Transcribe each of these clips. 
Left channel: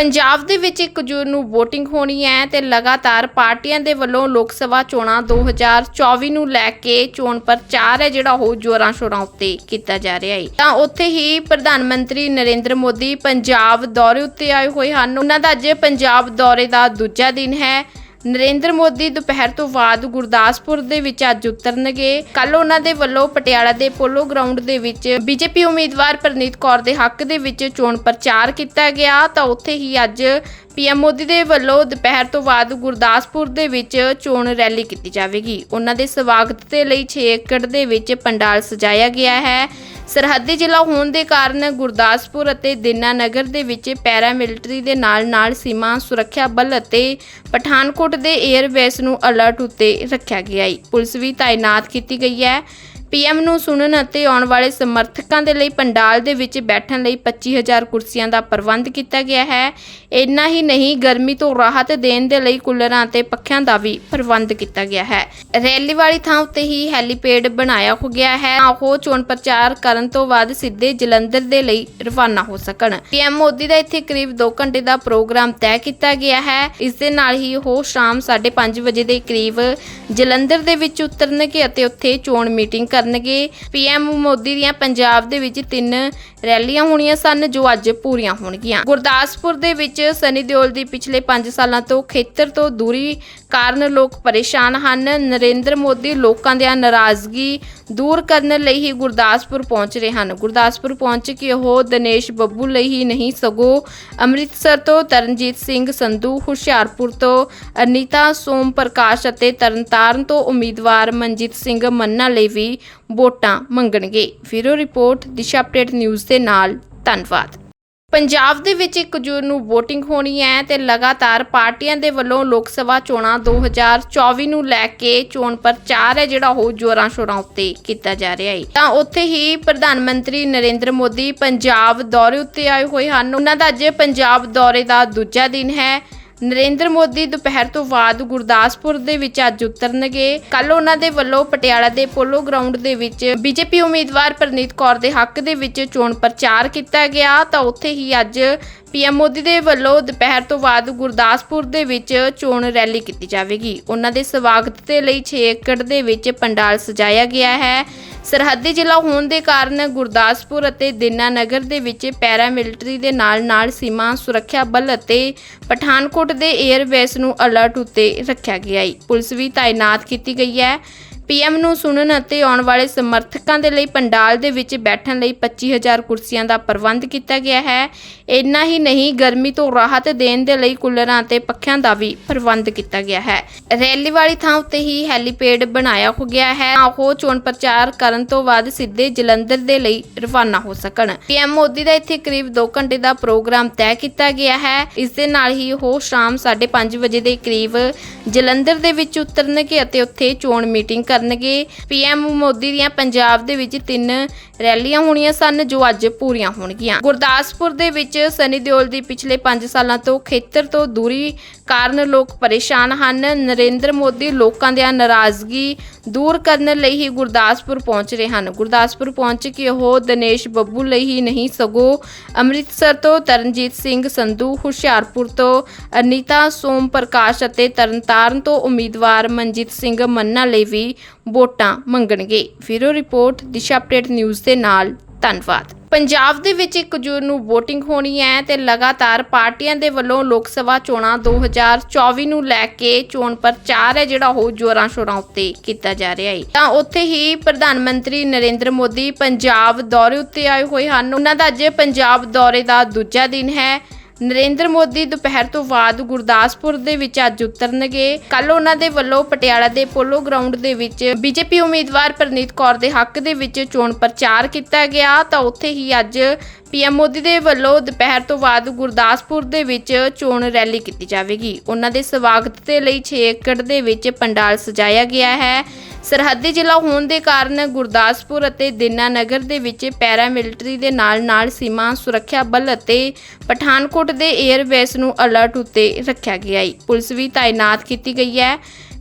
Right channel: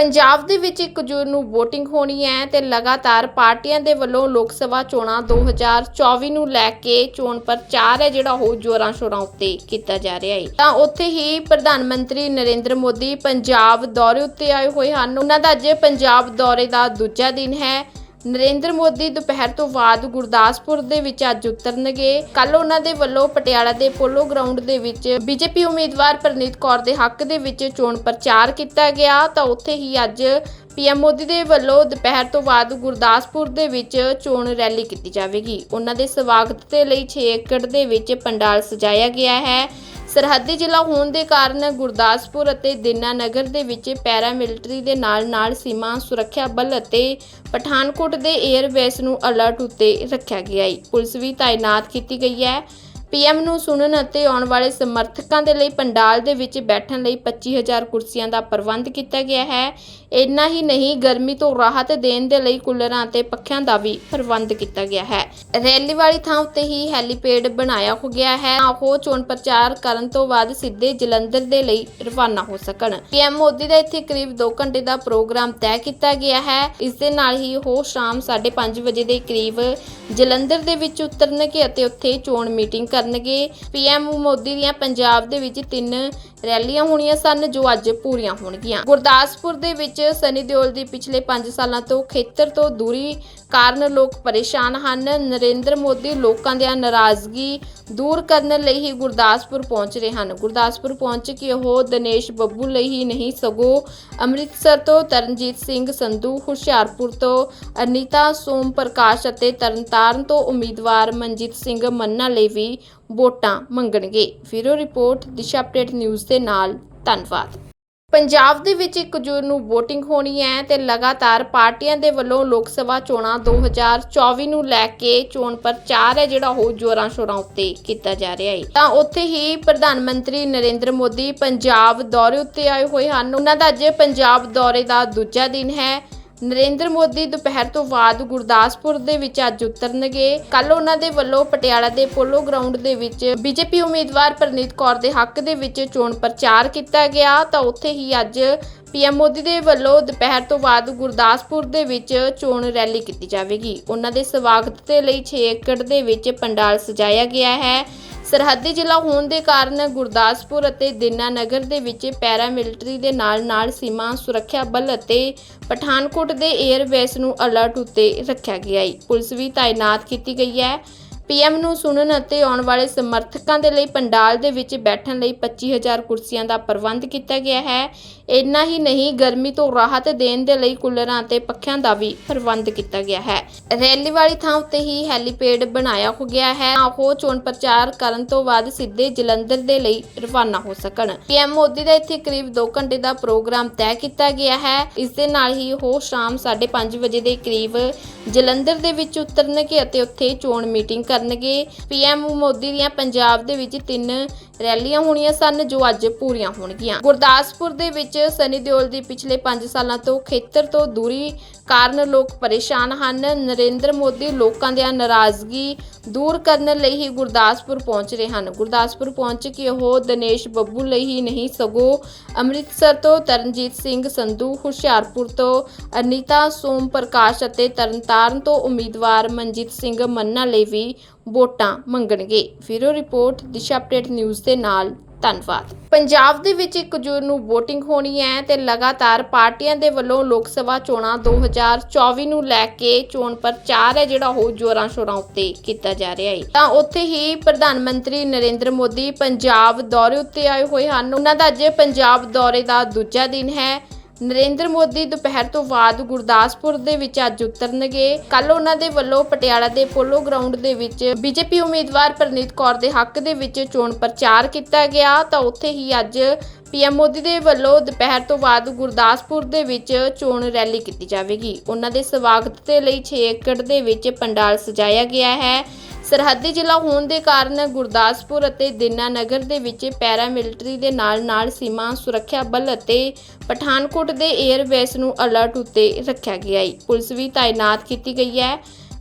ਪੰਜਾਬ ਦੇ ਵਿੱਚ 1 ਜੂਨ ਨੂੰ VOTING ਹੋਣੀ ਹੈ ਤੇ ਲਗਾਤਾਰ ਪਾਰਟੀਆਂ ਦੇ ਵੱਲੋਂ ਲੋਕ ਸਭਾ ਚੋਣਾਂ 2024 ਨੂੰ ਲੈ ਕੇ ਚੋਣ ਪ੍ਰਚਾਰ ਹੈ ਜਿਹੜਾ ਉਹ ਜੋਰਾਂ ਸ਼ੋਰਾਂ ਉੱਤੇ ਕੀਤਾ ਜਾ ਰਿਹਾ ਹੈ। ਤਾਂ ਉੱਥੇ ਹੀ ਪ੍ਰਧਾਨ ਮੰਤਰੀ ਨਰਿੰਦਰ ਮੋਦੀ ਪੰਜਾਬ ਦੌਰੇ ਉੱਤੇ ਆਏ ਹੋਏ ਹਨ। ਉਹਨਾਂ ਦਾ ਅੱਜ ਪੰਜਾਬ ਦੌਰੇ ਦਾ ਦੂਜਾ ਦਿਨ ਹੈ। ਨਰਿੰਦਰ ਮੋਦੀ ਦੁਪਹਿਰ ਤੋਂ ਬਾਅਦ ਗੁਰਦਾਸਪੁਰ ਦੇ ਵਿੱਚ ਅੱਜ ਉਤਰਨਗੇ। ਕੱਲ ਉਹਨਾਂ ਦੇ ਵੱਲੋਂ ਪਟਿਆਲਾ ਦੇ ਪੋਲੋ ਗਰਾਊਂਡ ਦੇ ਵਿੱਚ ਬੀਜੇਪੀ ਉਮੀਦਵਾਰ ਪ੍ਰਨੀਤ ਕੌਰ ਦੇ ਹੱਕ ਦੇ ਵਿੱਚ ਚੋਣ ਪ੍ਰਚਾਰ ਕੀਤਾ ਗਿਆ। ਤਾਂ ਉੱਥੇ ਹੀ ਅੱਜ ਪੀਐਮ ਮੋਦੀ ਦੇ ਵੱਲੋਂ ਦੁਪਹਿਰ ਤੋਂ ਬਾਅਦ ਗੁਰਦਾਸਪੁਰ ਦੇ ਵਿੱਚ ਚੋਣ ਰੈਲੀ ਕੀਤੀ ਜਾਵੇਗੀ। ਉਹਨਾਂ ਦੇ ਸਵਾਗਤ ਦੇ ਲਈ 6 ਏਕੜ ਦੇ ਵਿੱਚ ਪੰਡਾਲ ਸਜਾਇਆ ਗਿਆ ਹੈ। ਸਰਹੱਦੀ ਜ਼ਿਲ੍ਹਾ ਹੋਣ ਦੇ ਕਾਰਨ ਗੁਰਦਾਸਪੁਰ ਅਤੇ ਦਿਨਾ ਨਗਰ ਦੇ ਵਿੱਚ ਪੈਰਾ ਮਿਲਟਰੀ ਦੇ ਨਾਲ-ਨਾਲ ਸੀਮਾ ਸੁਰੱਖਿਆ ਬਲ ਅਤੇ ਪਠਾਨਕੋਟ ਦੇ 에ਅਰਬੇਸ ਨੂੰ ਅਲਰਟ ਉੱਤੇ ਰੱਖਿਆ ਗਿਆ ਹੈ। ਪੁਲਿਸ ਵੀ ਤਾਇਨਾਤ ਕੀਤੀ ਗਈ ਹੈ। ਪੀਐਮ ਨੂੰ ਸੁਣਨ ਅਤੇ ਆਉਣ ਵਾਲੇ ਸਮਰਥਕਾਂ ਦੇ ਲਈ ਪੰਡਾਲ ਦੇ ਵਿੱਚ ਬੈਠਣ ਲਈ 25000 ਕੁਰਸੀਆਂ ਦਾ ਪ੍ਰਬੰਧ ਕੀਤਾ ਗਿਆ ਹੈ। ਇੰਨਾ ਹੀ ਨਹੀਂ, ਗਰਮੀ ਤੋਂ ਰਾਹਤ ਦੇਣ ਦੇ ਲਈ ਕੂਲਰਾਂ ਅਤੇ ਪੱਖਿਆਂ ਦਾ ਵੀ ਪ੍ਰਬੰਧ ਕੀਤਾ ਗਿਆ ਹੈ। ਰੈਲੀ ਵਾਲੀ ਥਾਂ ਉੱਤੇ ਹੀ ਹੈਲੀਪੈਡ ਬਣਾਇਆ ਹੋ ਗਿਆ ਹੈ। ਉਹ ਚੋਣ ਪ੍ਰਚਾਰ ਕਰਨ ਤੋਂ ਬਾਅਦ ਸਿੱਧੇ ਜਲੰਧਰ ਦੇ ਲਈ ਰਵਾਨਾ ਹੋ ਸਕਣ। ਪੀਐਮ ਮੋਦੀ ਦਾ ਇੱਥੇ ਕਰੀਬ 2 ਘੰਟੇ ਦਾ ਪ੍ਰੋਗਰਾਮ ਤੈਅ ਕੀਤਾ ਗਿਆ ਹੈ। ਇਸ ਦੇ ਨਾਲ ਹੀ ਉਹ ਸ਼ਾਮ 5:30 ਵਜੇ ਦੇ ਕਰੀਬ ਜਲੰਧਰ ਦੇ ਵਿੱਚ ਉਤਰਨਗੇ ਅਤੇ ਉੱਥੇ ਚੋਣ ਮੀਟਿੰਗ ਕਰਨਗੇ। ਪੀਐਮ ਮੋਦੀ ਦੀਆਂ ਪੰਜਾਬ ਦੇ ਵਿੱਚ ਤਿੰਨ ਰੈਲੀਆਂ ਹੋਣੀਆਂ ਸਨ, ਜੋ ਅੱਜ ਪੂਰੀਆਂ ਹੋਣਗੀਆਂ। ਗੁਰਦਾਸਪੁਰ ਦੇ ਵਿੱਚ ਸਨੀ ਦਿਓਲ ਦੀ ਪਿਛਲੇ 5 ਸਾਲਾਂ ਤੋਂ ਖੇਤਰ ਤੋਂ ਦੂਰੀ ਕਾਰਨ ਲੋਕ ਪਰੇਸ਼ਾਨ ਹਨ। ਨਰਿੰਦਰ ਮੋਦੀ ਲੋਕਾਂ ਦੀ ਨਾਰਾਜ਼ਗੀ ਦੂਰ ਕਰਨ ਲਈ ਹੀ ਗੁਰਦਾਸਪੁਰ ਪਹੁੰਚ ਰਹੇ ਹਨ। ਗੁਰਦਾਸਪੁਰ ਪਹੁੰਚ ਕੇ ਉਹ ਦਿਨੇਸ਼ ਬੱਬੂ ਲਈ ਹੀ ਨਹੀਂ, ਸਗੋਂ ਅੰਮ੍ਰਿਤਸਰ ਤੋਂ ਤਰਨਜੀਤ ਸਿੰਘ ਸੰਧੂ, ਹੁਸ਼ਿਆਰਪੁਰ ਤੋਂ ਅਨੀਤਾ ਸੋਮ ਪ੍ਰਕਾਸ਼ ਅਤੇ ਤਰਨਤਾਰਨ ਤੋਂ ਉਮੀਦਵਾਰ ਮਨਜੀਤ ਸਿੰਘ ਮੰਨਾ ਲਈ ਵੀ ਵੋਟਾਂ ਮੰਗਣਗੇ। ਫਿਰੋ ਰਿਪੋਰਟ, ਦਿਸ਼ਾ ਅਪਡੇਟ ਨਿਊਜ਼ ਦੇ ਨਾਲ, ਧੰਨਵਾਦ। ਪੰਜਾਬ ਦੇ ਵਿੱਚ 1 ਜੂਨ ਨੂੰ VOTING ਹੋਣੀ ਹੈ ਤੇ ਲਗਾਤਾਰ ਪਾਰਟੀਆਂ ਦੇ ਵੱਲੋਂ ਲੋਕ ਸਭਾ ਚੋਣਾਂ 2024 ਨੂੰ ਲੈ ਕੇ ਚੋਣ ਪ੍ਰਚਾਰ ਹੈ, ਜਿਹੜਾ ਉਹ ਜੋਰਾਂ ਸ਼ੋਰਾਂ ਉੱਤੇ ਕੀਤਾ ਜਾ ਰਿਹਾ ਹੈ। ਤਾਂ ਉੱਥੇ ਹੀ ਪ੍ਰਧਾਨ ਮੰਤਰੀ ਨਰਿੰਦਰ ਮੋਦੀ ਪੰਜਾਬ ਦੌਰੇ ਉੱਤੇ ਆਏ ਹੋਏ ਹਨ। ਉਹਨਾਂ ਦਾ ਅੱਜ ਪੰਜਾਬ ਦੌਰੇ ਦਾ ਦੂਜਾ ਦਿਨ ਹੈ। ਨਰਿੰਦਰ ਮੋਦੀ ਦੁਪਹਿਰ ਤੋਂ ਬਾਅਦ ਗੁਰਦਾਸਪੁਰ ਦੇ ਵਿੱਚ ਅੱਜ ਉਤਰਨਗੇ। ਕੱਲ ਉਹਨਾਂ ਦੇ ਵੱਲੋਂ ਪਟਿਆਲਾ ਦੇ ਪੋਲੋ ਗਰਾਊਂਡ ਦੇ ਵਿੱਚ ਬੀਜੇਪੀ ਉਮੀਦਵਾਰ ਪ੍ਰਨੀਤ ਕੌਰ ਦੇ ਹੱਕ ਦੇ ਵਿੱਚ ਚੋਣ ਪ੍ਰਚਾਰ ਕੀਤਾ ਗਿਆ। ਤਾਂ ਉੱਥੇ ਹੀ ਅੱਜ ਪੀਐਮ ਮੋਦੀ ਦੇ ਵੱਲੋਂ ਦੁਪਹਿਰ ਤੋਂ ਬਾਅਦ ਗੁਰਦਾਸਪੁਰ ਦੇ ਵਿੱਚ ਚੋਣ ਰੈਲੀ ਕੀਤੀ ਜਾਵੇਗੀ। ਉਹਨਾਂ ਦੇ ਸਵਾਗਤ ਦੇ ਲਈ 6 ਏਕੜ ਦੇ ਵਿੱਚ ਪੰਡਾਲ ਸਜਾਇਆ ਗਿਆ ਹੈ। ਸਰਹੱਦੀ ਜ਼ਿਲ੍ਹਾ ਹੋਣ ਦੇ ਕਾਰਨ ਗੁਰਦਾਸਪੁਰ ਅਤੇ ਦੀਨਾਨਗਰ ਦੇ ਵਿੱਚ ਪੈਰਾ ਮਿਲਟਰੀ ਦੇ ਨਾਲ-ਨਾਲ ਸੀਮਾ ਸੁਰੱਖਿਆ ਬਲ ਅਤੇ ਪਠਾਨਕੋਟ ਦੇ 에ਅਰਬੇਸ ਨੂੰ ਅਲਰਟ ਉੱਤੇ ਰੱਖਿਆ ਗਿਆ ਹੈ। ਪੁਲਿਸ ਵੀ ਤਾਇਨਾਤ ਕੀਤੀ ਗਈ ਹੈ। ਪੀਐਮ ਨੂੰ ਸੁਣਨ ਅਤੇ ਆਉਣ ਵਾਲੇ ਸਮਰਥਕਾਂ ਦੇ ਲਈ ਪੰਡਾਲ ਦੇ ਵਿੱਚ ਬੈਠਣ ਲਈ 25000 ਕੁਰਸੀਆਂ ਦਾ ਪ੍ਰਬੰਧ ਕੀਤਾ ਗਿਆ ਹੈ। ਇੰਨਾ ਹੀ ਨਹੀਂ, ਗਰਮੀ ਤੋਂ ਰਾਹਤ ਦੇਣ ਦੇ ਲਈ ਕੂਲਰਾਂ ਅਤੇ ਪੱਖਿਆਂ ਦਾ ਵੀ ਪ੍ਰਬੰਧ ਕੀਤਾ ਗਿਆ ਹੈ। ਰੈਲੀ ਵਾਲੀ ਥਾਂ ਉੱਤੇ ਹੀ ਹੈਲੀਪੈਡ ਬਣਾਇਆ ਹੋ ਗਿਆ ਹੈ। ਤਾਂ ਉਹ ਚੋਣ ਪ੍ਰਚਾਰ ਕਰਨ ਤੋਂ ਬਾਅਦ ਸਿੱਧੇ ਜਲੰਧਰ ਦੇ ਲਈ ਰਵਾਨਾ ਹੋ ਸਕਣ। ਪੀਐਮ ਮੋਦੀ ਦਾ ਇੱਥੇ ਕਰੀਬ 2 ਘੰਟੇ ਦਾ ਪ੍ਰੋਗਰਾਮ ਤੈਅ ਕੀਤਾ ਗਿਆ ਹੈ। ਇਸ ਦੇ ਨਾਲ ਹੀ ਉਹ ਸ਼ਾਮ 5:30 ਵਜੇ ਦੇ ਕਰੀਬ ਜਲੰਧਰ ਦੇ ਵਿੱਚ ਉਤਰਨਗੇ ਅਤੇ ਉੱਥੇ ਚੋਣ ਮੀਟਿੰਗ ਕਰਨਗੇ। ਪੀਐਮ ਮੋਦੀ ਦੀਆਂ ਪੰਜਾਬ ਦੇ ਵਿੱਚ ਤਿੰਨ ਰੈਲੀਆਂ ਹੋਣੀਆਂ ਸਨ, ਜੋ ਅੱਜ ਪੂਰੀਆਂ ਹੋਣਗੀਆਂ। ਗੁਰਦਾਸਪੁਰ ਦੇ ਵਿੱਚ ਸਨੀ ਦਿਓਲ ਦੀ ਪਿਛਲੇ 5 ਸਾਲਾਂ ਤੋਂ ਖੇਤਰ ਤੋਂ ਦੂਰੀ ਕਾਰਨ ਲੋਕ ਪਰੇਸ਼ਾਨ ਹਨ। ਨਰਿੰਦਰ ਮੋਦੀ ਲੋਕਾਂ ਦੀ ਨਾਰਾਜ਼ਗੀ ਦੂਰ ਕਰਨ ਲਈ ਹੀ ਗੁਰਦਾਸਪੁਰ ਪਹੁੰਚ ਰਹੇ ਹਨ। ਗੁਰਦਾਸਪੁਰ ਪਹੁੰਚ ਕੇ ਉਹ ਦਿਨੇਸ਼ ਬੱਬੂ ਲਈ ਹੀ ਨਹੀਂ, ਸਗੋਂ ਅੰਮ੍ਰਿਤਸਰ ਤੋਂ ਤਰਨਜੀਤ ਸਿੰਘ ਸੰਧੂ, ਹੁਸ਼ਿਆਰਪੁਰ ਤੋਂ ਅਨੀਤਾ ਸੋਮ ਪ੍ਰਕਾਸ਼ ਅਤੇ ਤਰਨਤਾਰਨ ਤੋਂ ਉਮੀਦਵਾਰ ਮਨਜੀਤ ਸਿੰਘ ਮੰਨਾ ਲਈ ਵੀ ਵੋਟਾਂ ਮੰਗਣਗੇ। ਫਿਰੋ ਰਿਪੋਰਟ, ਦਿਸ਼ਾ ਅਪਡੇਟ ਨਿਊਜ਼ ਦੇ ਨਾਲ, ਧੰਨਵਾਦ। ਪੰਜਾਬ ਦੇ ਵਿੱਚ 1 ਜੂਨ ਨੂੰ VOTING ਹੋਣੀ ਹੈ ਤੇ ਲਗਾਤਾਰ ਪਾਰਟੀਆਂ ਦੇ ਵੱਲੋਂ ਲੋਕ ਸਭਾ ਚੋਣਾਂ 2024 ਨੂੰ ਲੈ ਕੇ ਚੋਣ ਪ੍ਰਚਾਰ ਹੈ ਜਿਹੜਾ ਉਹ ਜੋਰਾਂ ਸ਼ੋਰਾਂ ਉੱਤੇ ਕੀਤਾ ਜਾ ਰਿਹਾ ਹੈ। ਤਾਂ ਉੱਥੇ ਹੀ ਪ੍ਰਧਾਨ ਮੰਤਰੀ ਨਰਿੰਦਰ ਮੋਦੀ ਪੰਜਾਬ ਦੌਰੇ ਉੱਤੇ ਆਏ ਹੋਏ ਹਨ। ਉਹਨਾਂ ਦਾ ਅੱਜ ਪੰਜਾਬ ਦੌਰੇ ਦਾ ਦੂਜਾ ਦਿਨ ਹੈ। ਨਰਿੰਦਰ ਮੋਦੀ ਦੁਪਹਿਰ ਤੋਂ ਬਾਅਦ ਗੁਰਦਾਸਪੁਰ ਦੇ ਵਿੱਚ ਅੱਜ ਉਤਰਨਗੇ। ਕੱਲ ਉਹਨਾਂ ਦੇ ਵੱਲੋਂ ਪਟਿਆਲਾ ਦੇ ਪੋਲੋ ਗਰਾਊਂਡ ਦੇ ਵਿੱਚ ਬੀਜੇਪੀ ਉਮੀਦਵਾਰ ਪ੍ਰਨੀਤ ਕੌਰ ਦੇ ਹੱਕ ਦੇ ਵਿੱਚ ਚੋਣ ਪ੍ਰਚਾਰ ਕੀਤਾ ਗਿਆ। ਤਾਂ ਉੱਥੇ ਹੀ ਅੱਜ ਪੀਐਮ ਮੋਦੀ ਦੇ ਵੱਲੋਂ ਦੁਪਹਿਰ ਤੋਂ ਬਾਅਦ ਗੁਰਦਾਸਪੁਰ ਦੇ ਵਿੱਚ ਚੋਣ ਰੈਲੀ ਕੀਤੀ ਜਾਵੇਗੀ। ਉਹਨਾਂ ਦੇ ਸਵਾਗਤ ਦੇ ਲਈ 6 ਏਕੜ ਦੇ ਵਿੱਚ ਪੰਡਾਲ ਸਜਾਇਆ ਗਿਆ ਹੈ। ਸਰਹੱਦੀ ਜ਼ਿਲ੍ਹਾ ਹੋਣ ਦੇ ਕਾਰਨ ਗੁਰਦਾਸਪੁਰ ਅਤੇ ਦੀਨਾਨਗਰ ਦੇ ਵਿੱਚ ਪੈਰਾ ਮਿਲਟਰੀ ਦੇ ਨਾਲ-ਨਾਲ ਸੀਮਾ ਸੁਰੱਖਿਆ ਬਲ ਅਤੇ ਪਠਾਨਕੋਟ ਦੇ 에ਅਰਬੇਸ ਨੂੰ ਅਲਰਟ ਉੱਤੇ ਰੱਖਿਆ ਗਿਆ ਹੈ। ਪੁਲਿਸ ਵੀ ਤਾਇਨਾਤ ਕੀਤੀ ਗਈ ਹੈ।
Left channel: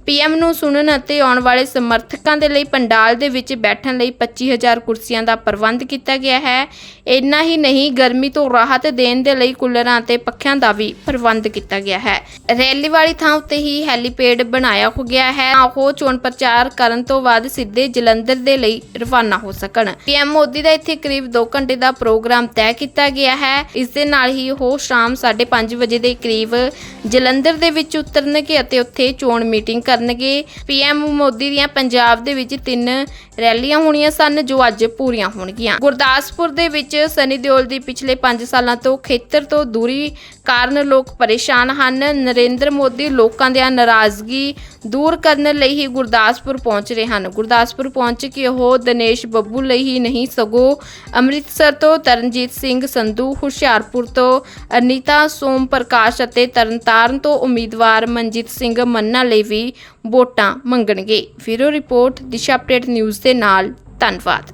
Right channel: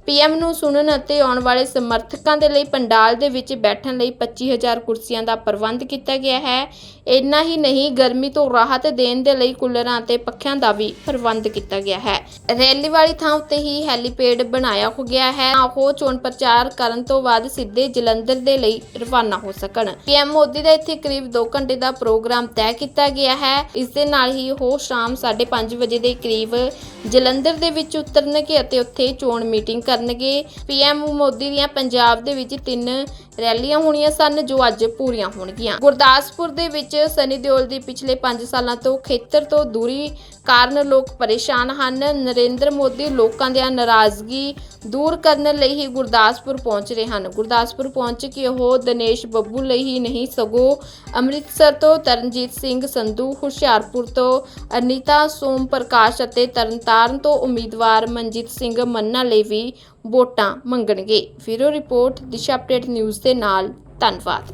ਪੀਐਮ ਨੂੰ ਸੁਣਨ ਅਤੇ ਆਉਣ ਵਾਲੇ ਸਮਰਥਕਾਂ ਦੇ ਲਈ ਪੰਡਾਲ ਦੇ ਵਿੱਚ ਬੈਠਣ ਲਈ 25000 ਕੁਰਸੀਆਂ ਦਾ ਪ੍ਰਬੰਧ ਕੀਤਾ ਗਿਆ ਹੈ। ਇੰਨਾ ਹੀ ਨਹੀਂ, ਗਰਮੀ ਤੋਂ ਰਾਹਤ ਦੇਣ ਦੇ ਲਈ ਕੂਲਰਾਂ ਅਤੇ ਪੱਖਿਆਂ ਦਾ ਵੀ ਪ੍ਰਬੰਧ ਕੀਤਾ ਗਿਆ ਹੈ। ਰੈਲੀ ਵਾਲੀ ਥਾਂ ਉੱਤੇ ਹੀ ਹੈਲੀਪੈਡ ਬਣਾਇਆ ਹੋ ਗਿਆ ਹੈ। ਤਾਂ ਉਹ ਚੋਣ ਪ੍ਰਚਾਰ ਕਰਨ ਤੋਂ ਬਾਅਦ ਸਿੱਧੇ ਜਲੰਧਰ ਦੇ ਲਈ ਰਵਾਨਾ ਹੋ ਸਕਣ। ਪੀਐਮ ਮੋਦੀ ਦਾ ਇੱਥੇ ਕਰੀਬ 2 ਘੰਟੇ ਦਾ ਪ੍ਰੋਗਰਾਮ ਤੈਅ ਕੀਤਾ ਗਿਆ ਹੈ। ਇਸ ਦੇ ਨਾਲ ਹੀ ਉਹ ਸ਼ਾਮ 5:30 ਵਜੇ ਦੇ ਕਰੀਬ ਜਲੰਧਰ ਦੇ ਵਿੱਚ ਉਤਰਨਗੇ ਅਤੇ ਉੱਥੇ ਚੋਣ ਮੀਟਿੰਗ ਕਰਨਗੇ। ਪੀਐਮ ਮੋਦੀ ਦੀਆਂ ਪੰਜਾਬ ਦੇ ਵਿੱਚ ਤਿੰਨ ਰੈਲੀਆਂ ਹੋਣੀਆਂ ਸਨ, ਜੋ ਅੱਜ ਪੂਰੀਆਂ ਹੋਣਗੀਆਂ। ਗੁਰਦਾਸਪੁਰ ਦੇ ਵਿੱਚ ਸਨੀ ਦਿਓਲ ਦੀ ਪਿਛਲੇ 5 ਸਾਲਾਂ ਤੋਂ ਖੇਤਰ ਤੋਂ ਦੂਰੀ ਕਾਰਨ ਲੋਕ ਪਰੇਸ਼ਾਨ ਹਨ। ਨਰਿੰਦਰ ਮੋਦੀ ਲੋਕਾਂ ਦੀਆਂ ਨਾਰਾਜ਼ਗੀ ਦੂਰ ਕਰਨ ਲਈ ਹੀ ਗੁਰਦਾਸਪੁਰ ਪਹੁੰਚ ਰਹੇ ਹਨ। ਗੁਰਦਾਸਪੁਰ ਪਹੁੰਚ ਕੇ ਉਹ ਦਿਨੇਸ਼ ਬੱਬੂ ਲਈ ਹੀ ਨਹੀਂ, ਸਗੋਂ ਅੰਮ੍ਰਿਤਸਰ ਤੋਂ ਤਰਨਜੀਤ ਸਿੰਘ ਸੰਧੂ, ਹੁਸ਼ਿਆਰਪੁਰ ਤੋਂ ਅਨੀਤਾ ਸੋਮ ਪ੍ਰਕਾਸ਼ ਅਤੇ ਤਰਨਤਾਰਨ ਤੋਂ ਉਮੀਦਵਾਰ ਮਨਜੀਤ ਸਿੰਘ ਮੰਨਾ ਲਈ ਵੀ ਵੋਟਾਂ ਮੰਗਣਗੇ। ਫਿਰੋ ਰਿਪੋਰਟ ਦਿਸ਼ਾ ਅਪਡੇਟ ਨਿਊਜ਼ ਦੇ ਨਾਲ। ਧੰਨਵਾਦ।